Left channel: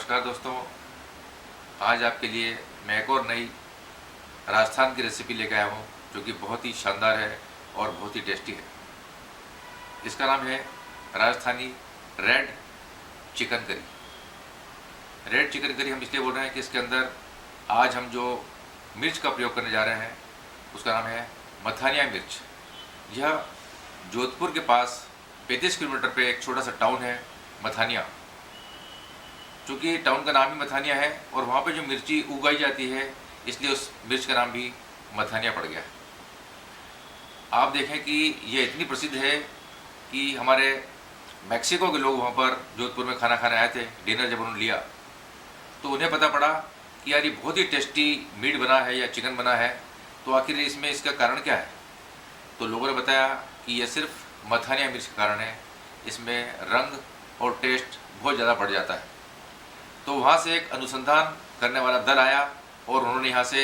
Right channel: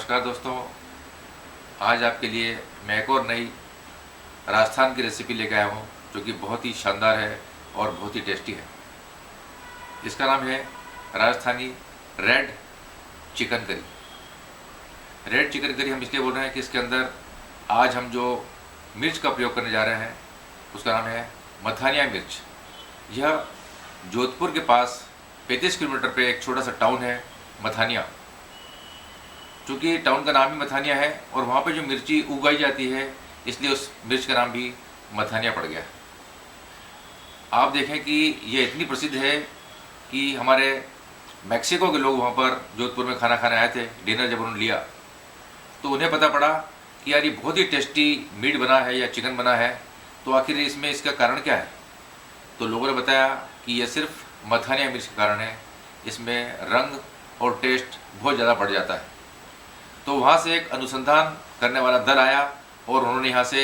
नमस्कार दोस्तों, आज आपके लिए मैं एक और नई राजस्थान की रेसिपी लेकर आया हूँ जो कि बहुत ही शानदार है और बहुत ही टेस्टी है। इसका नाम है Rajasthani red chicken curry. Red chicken curry हम इसलिए बोल रहे हैं कि इसके अंदर आज हम जो मिर्च का प्रयोग करने जा रहे हैं उसका नाम है मथानिया मिर्च। यह जोधपुर के पास 35 किलोमीटर पे एक छोटा सा टाउन है मथानिया। चूँकि टाउन का नाम ही मथानिया है और वहाँ पे जो मिर्ची उगाई जाती है इसलिए उस मिर्च का नाम भी मथानिया पड़ गया। आप देखें कि यह इतनी प्रसिद्ध है कि हमारे मैक्सिको के लोग वहाँ पर जोधपुर में खाना खाने आए थे। डिनर जब उन्होंने लिया तो उन्हें पता पड़ा कि यार ये बहुत ही टेस्टी मीट बना है या चिकन बना है, तो आखिर इसमें इसका कारण क्या है। तो लोगों ने बताया कि यह सिर्फ मथानिया मिर्च के कारण है, इसमें रंग और टेस्ट बहुत ज़्यादा बढ़ जाता है। तो वहाँ से एक अनुसंधान करने वाला दल आया और उन्होंने यहाँ से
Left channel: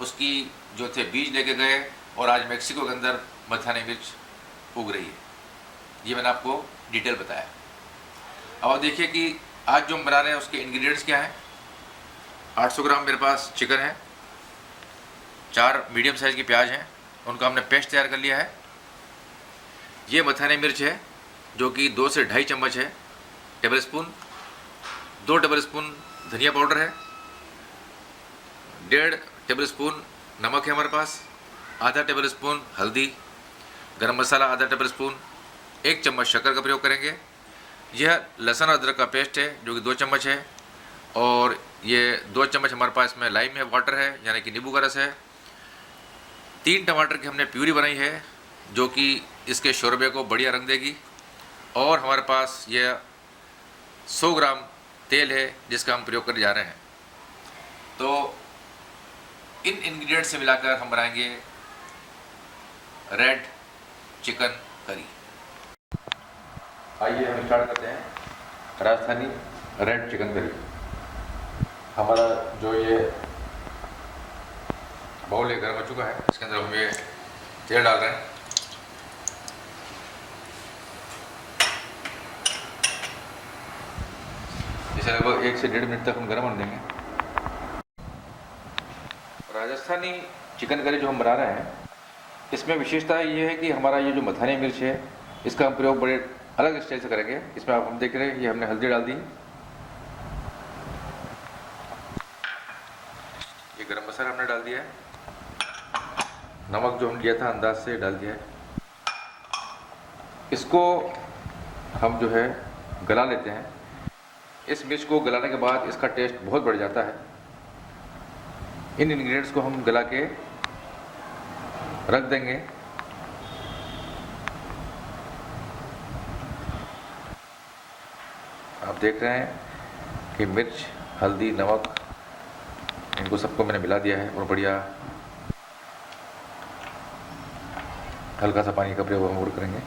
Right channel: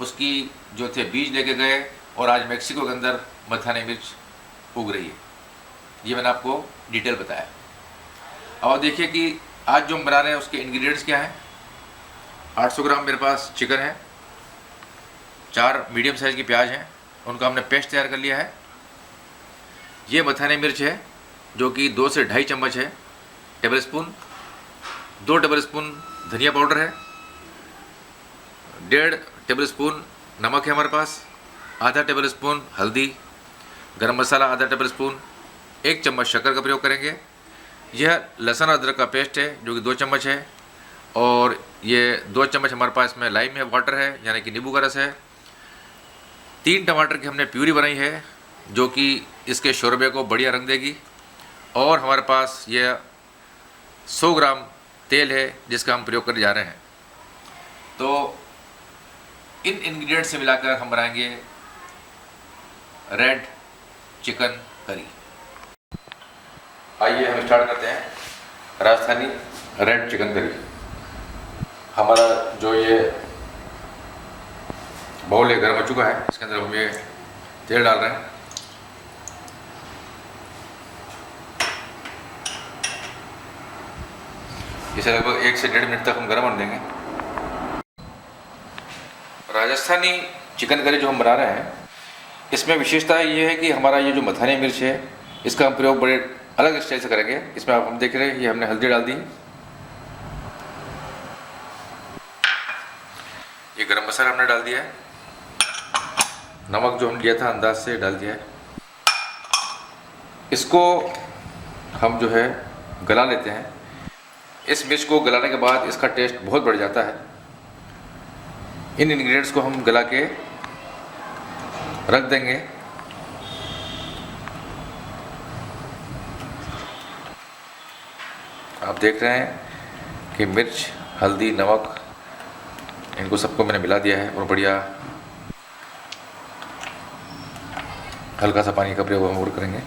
उसकी जो थे बीज लेके गए और आज मेक्सिको के अंदर मथानिया मिर्च उग रही है। ये मैंने आपको डिटेल बताया। अब आप देखिए कि आज जो हम बना रहे हैं उसके इंग्रेडिएंट्स क्या हैं। 800 ग्राम मेरे पास चिकन है, 4 मीडियम साइज़ की प्याज हैं, उनका हमने पेस्ट तैयार कर लिया है। ये मथानिया मिर्च है जो कि 2 से 2.5 चम्मच है टेबल स्पून। 2 टेबल स्पून धनिया पाउडर है, 1.5 टेबल स्पून नमक है हमारे पास, आधा टेबल स्पून हल्दी, गरम मसाला आधा टेबल स्पून, 1 चम्मच शक्कर का प्रयोग करेंगे। यह लहसुन अदरक का पेस्ट है जो कि 2 चम्मच है, और ये 2 चम्मच हमारे पास में लाइम है, वाटर है यानी कि नींबू का रस है। 3 टमाटर की हमने प्यूरी बनाई है जो कि इसके शोरबे को बढ़िया रंग देगी। और हमारे पास यह 100 ग्राम तेल है जिसका हम प्रयोग करने जा रहे हैं। तो इन इंग्रेडिएंट्स से मिलाकर हम बनाएंगे रेड चिकन करी। आइए हम स्टार्ट करते हैं राजस्थानी रेड चिकन करी। हमारा जो ये बाउल है गर्म हो चुका है, इसके अंदर हम ये तेल डाल रहे हैं। इसे लगभग 1 से 1.5 मिनट तक हम गर्म होने देंगे। राजस्थानी चिकन करी जो हम बना रहे हैं इसमें विशेषता ये है कि हमारा ये जो मथानिया मिर्च है इसका हम प्रयोग बड़े अलग स्टाइल से करेंगे। इसमें आप हम देख रहे हैं ये हमने हल्दी डाल दी, ये गरम मसाला हमने डाल दिया है, नमक जो हम लिया था अंदाज से डाल दिया है। इसको हम जो है गला लेते हैं। इस मिर्च को गलाने के बाद इसका टेस्ट बहुत बढ़ जाता है। इन इंग्रेडिएंट्स को हम गला के रख देंगे। आप देख रहे हैं कि मिर्च, हल्दी, नमक इनको सबको मैंने मिला दिया है और बढ़िया हल्का सा पानी का प्रयोग हम और करेंगे।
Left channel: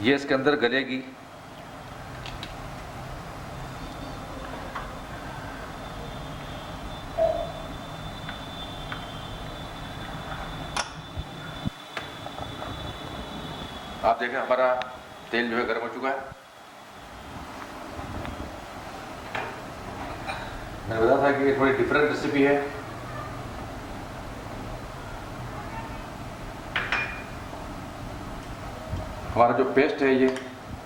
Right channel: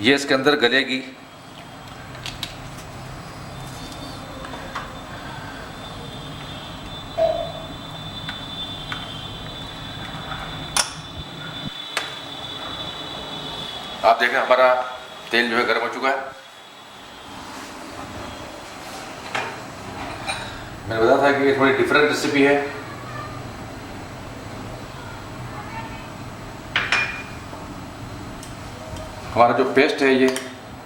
ये इसके अंदर गलेगी। आप देखें हमारा तेल जो है गर्म हो चुका है। मैंने बताया था कि ये थोड़ी डिफरेंट रेसिपी है। हमारा जो पेस्ट है ये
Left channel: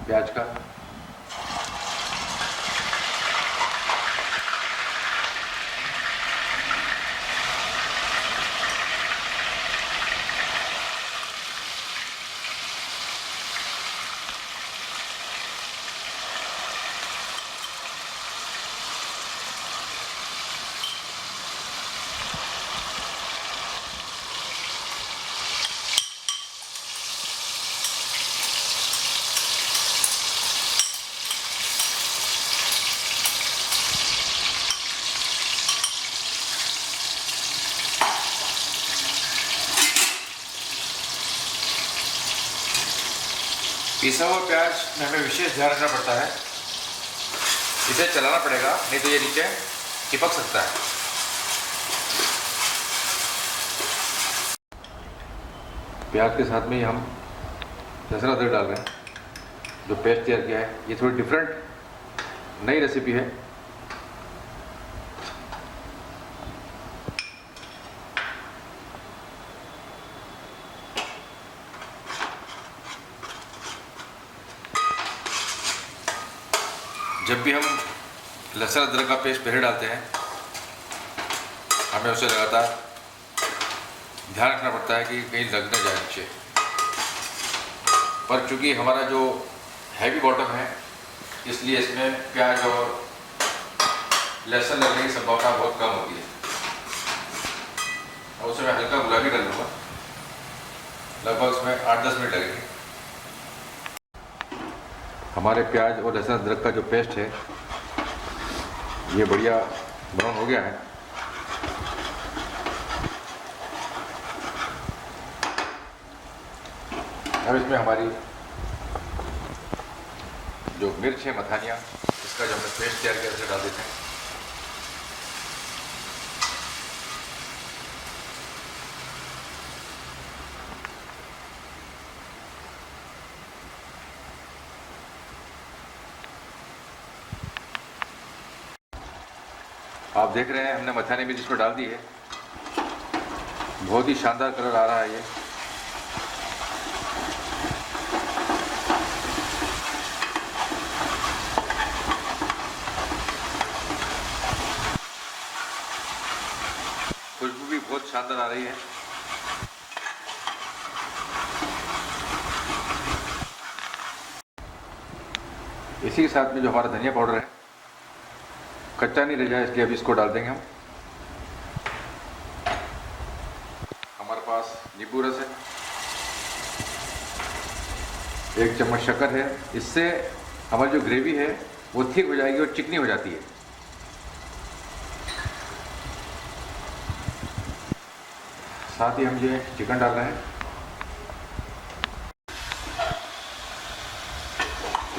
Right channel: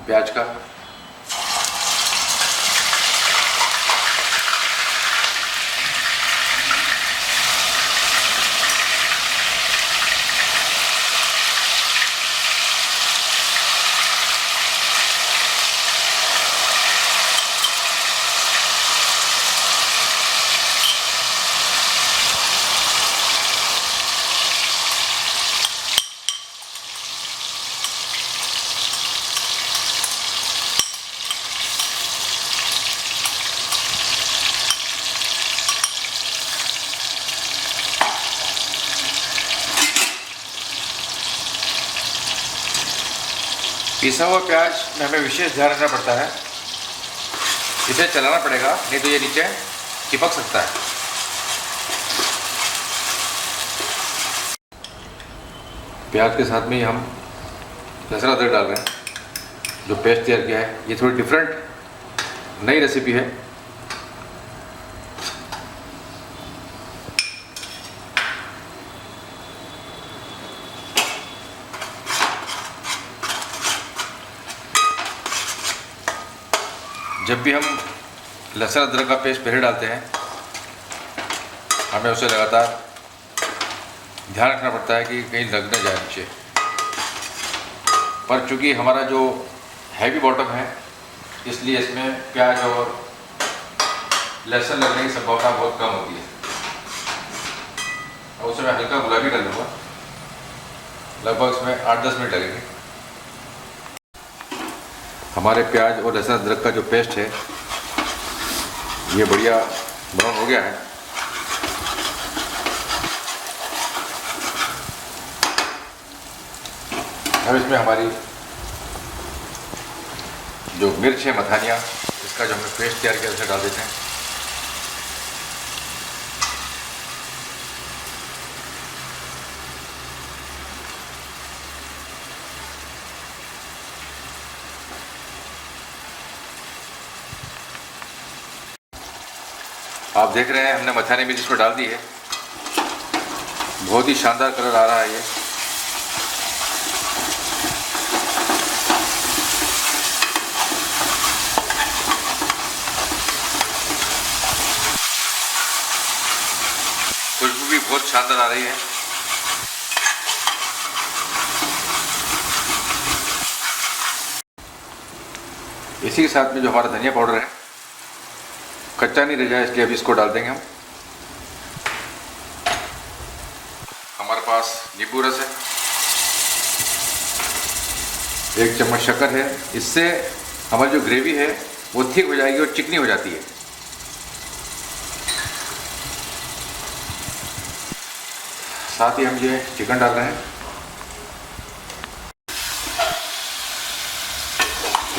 प्याज का, पिसा हुआ प्याज में हमें विशेष ध्यान रखना पड़ता है। इसे चलाना पड़ेगा, नहीं तो ये नीचे चिपक सकता है। प्याज के साथ में ही हम लहसुन अदरक डाल रहे हैं। जो पेस्ट तैयार किया है ये थोड़ी डिफरेंट नई रेसिपी है। जब भी हम लहसुन अदरक का पेस्ट पहले डालते हैं, हमें उसे लगातार ध्यान रखना पड़ता है कि कहीं लग न जाए नीचे। पर चूँकि हमारा जो हैवी बॉटम है, इसलिए इसमें प्याज और लहसुन लगने की संभावना बहुत कम होती है। और उसमें हल्का गुलाबी डाल दूँगा, लगभग उसमें 8-10 मिनट लगेंगे। हमारे प्याज और लहसुन अदरक का जो पेस्ट है ये बढ़िया ब्राउन हो गया है। अब इसमें हमारी जो मिर्च है मथानिया, इसका जो हमने पेस्ट तैयार किया उसे डाल देते हैं। आप देख रहे हैं हमने मथानी मिर्च इसमें डाल दी है। बहुत ही शानदार कलर आ रहा है ये। खुशबू भी बहुत शानदार आ रही है। इसी के साथ में जो हमारा धनिया पाउडर है, कच्चा नहीं रह जाए इसलिए अभी इसको डाल देंगे हम। हमारे पास नींबू रस है, 1 चम्मच शक्कर है। इससे हमारी जो ग्रेवी है वो थिक हो जाएगी और चिकनी हो जाती है। साथ ही हम ये चिकन डाल रहे हैं।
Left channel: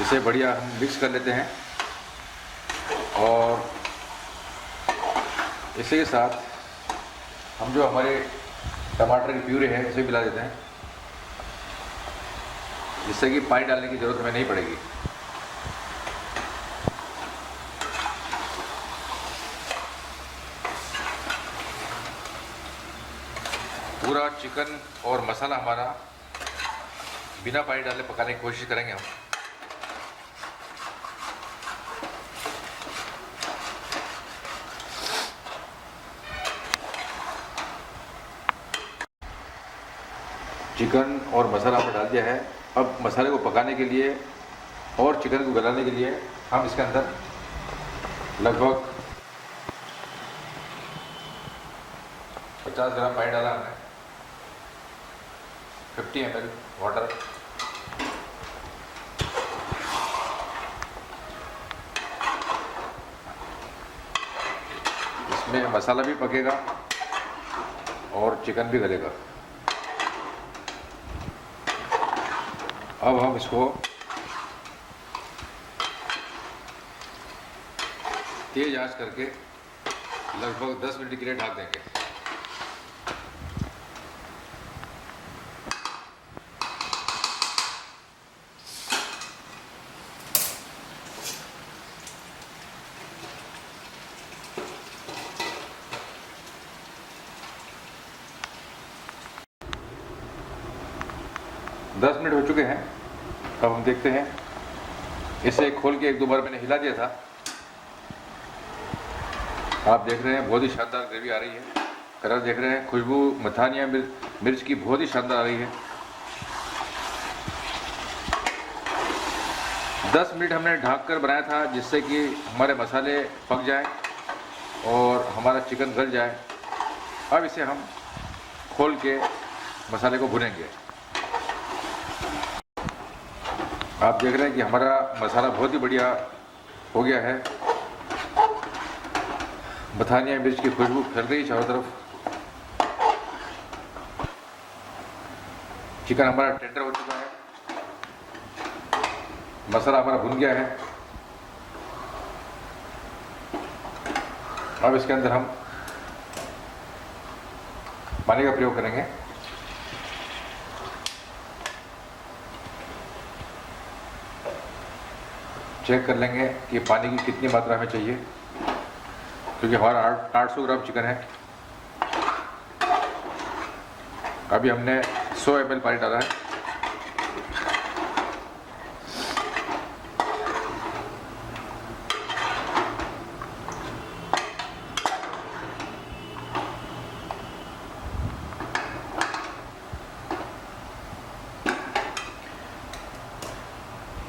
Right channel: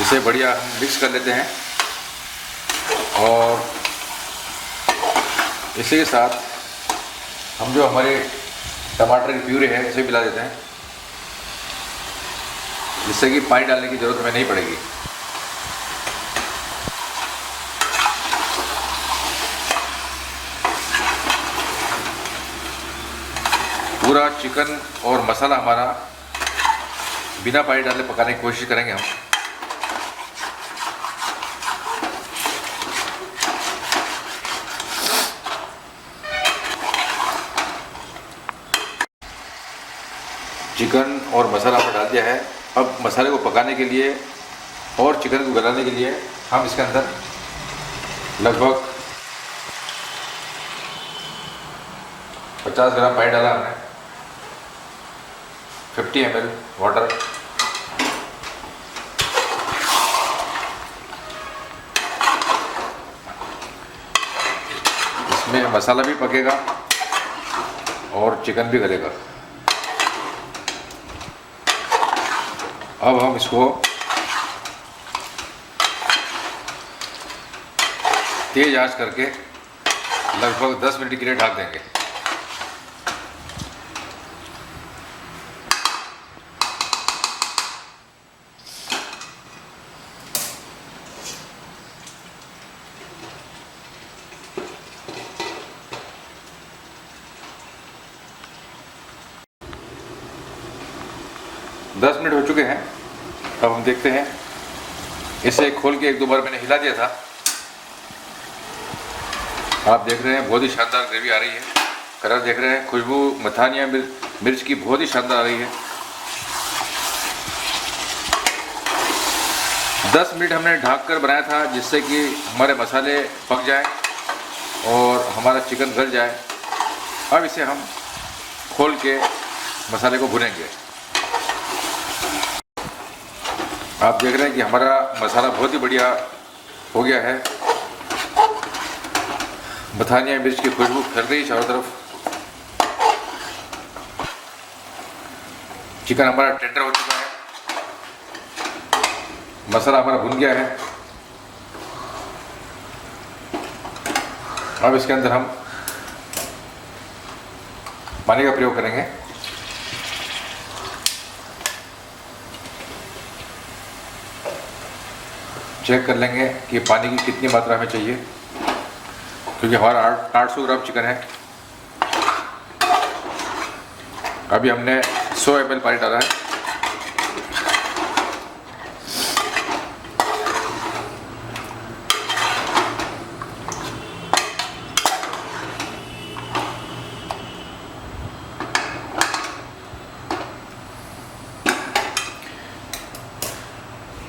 इसे बढ़िया हम मिक्स कर लेते हैं और इसी के साथ हम जो हमारे टमाटर की प्यूरी है उसे मिला देते हैं, जिससे कि पानी डालने की ज़रूरत हमें नहीं पड़ेगी। पूरा चिकन और मसाला हमारा बिना पानी डाले पकाने की कोशिश करेंगे हम। चिकन और मसाला हमने डाल दिया है। अब मसाले को पकाने के लिए और चिकन को गलाने के लिए हम इसके अंदर लगभग 50 ग्राम पानी डाला हमने, 50 ml वाटर, इसमें मसाला भी पकेगा और चिकन भी गलेगा। अब हम इसको तेज आंच करके लगभग 10 मिनट के लिए ढक देंगे। दस मिनट हो चुके हैं। अब हम देखते हैं, इसे खोल के 1-2 बार मैंने हिला दिया था। आप देख रहे हैं बहुत ही शानदार ग्रेवी आ रही है। कलर देख रहे हैं, खुशबू मथानिया मिर्च की बहुत ही शानदार आ रही है। 10 मिनट हमने ढक कर बनाया था, जिससे कि हमारे मसाले पक जाएं और हमारा चिकन गल जाए। अब इसे हम खोल के मसाले को भुनेंगे। आप देख रहे हैं कि हमारा मसाला बहुत ही बढ़िया हो गया है। मथानिया मिर्च की खुशबू फैल रही है चारों तरफ। चिकन हमारा टेंडर हो चुका है, मसाला हमारा भुन गया है। अब इसके अंदर हम पानी का प्रयोग करेंगे। चेक कर लेंगे कि पानी की कितनी मात्रा में चाहिए, क्योंकि हमारा 800 ग्राम चिकन है। अभी हमने 100 ml पानी डाला है।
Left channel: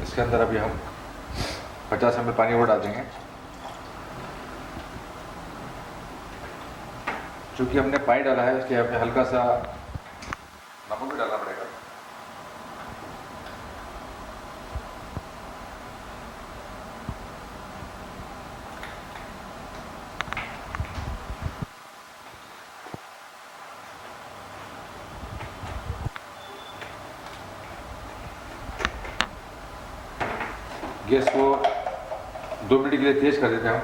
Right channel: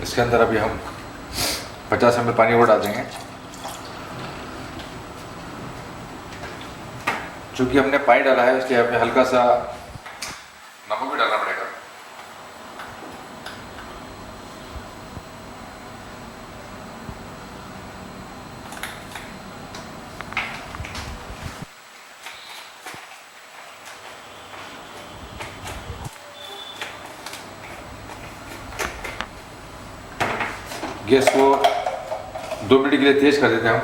इसके अंदर अभी हम 50 ml पानी और डाल देंगे। चूँकि हमने पानी डाला है इसलिए हमें हल्का सा नमक भी डालना पड़ेगा। गैस को 2 मिनट के लिए तेज कर देते हैं हम।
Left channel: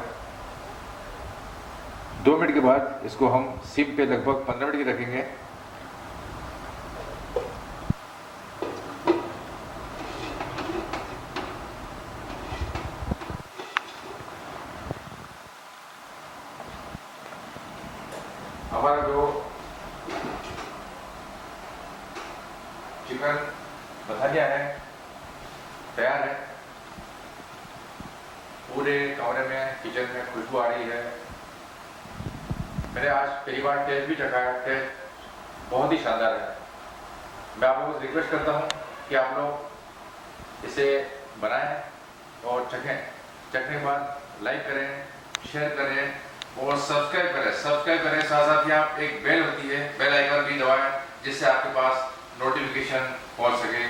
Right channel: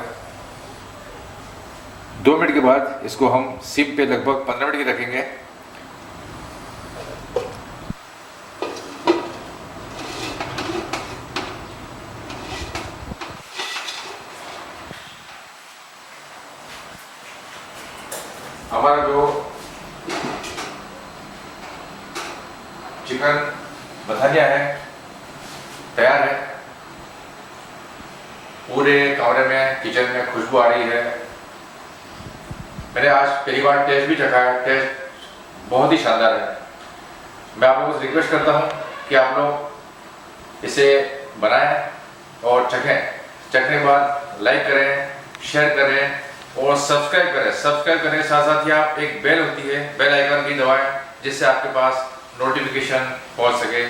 2 मिनट के बाद इसको हम सिम पे लगभग 15 मिनट की रखेंगे। हमारा जो चिकन मसाला है तैयार है। पूरे कमरे में, किचन में खुशबू आ रही है। मैंने आज पहली बार टेस्ट भी चखा है, टेस्ट बहुत ही शानदार है। मैं आप लोगों से रिक्वेस्ट करता हूँ कि आप लोग इसे बनाएं और चखें। चखने के बाद लाइक करें, शेयर करें और सब्सक्राइब करें। साथ साथ ही आप एक बेल होती है, बेल आइकन भी दबाएं, जिससे आपके पास नोटिफिकेशन पहुँच सके।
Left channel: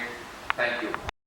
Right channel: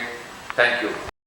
Thank you.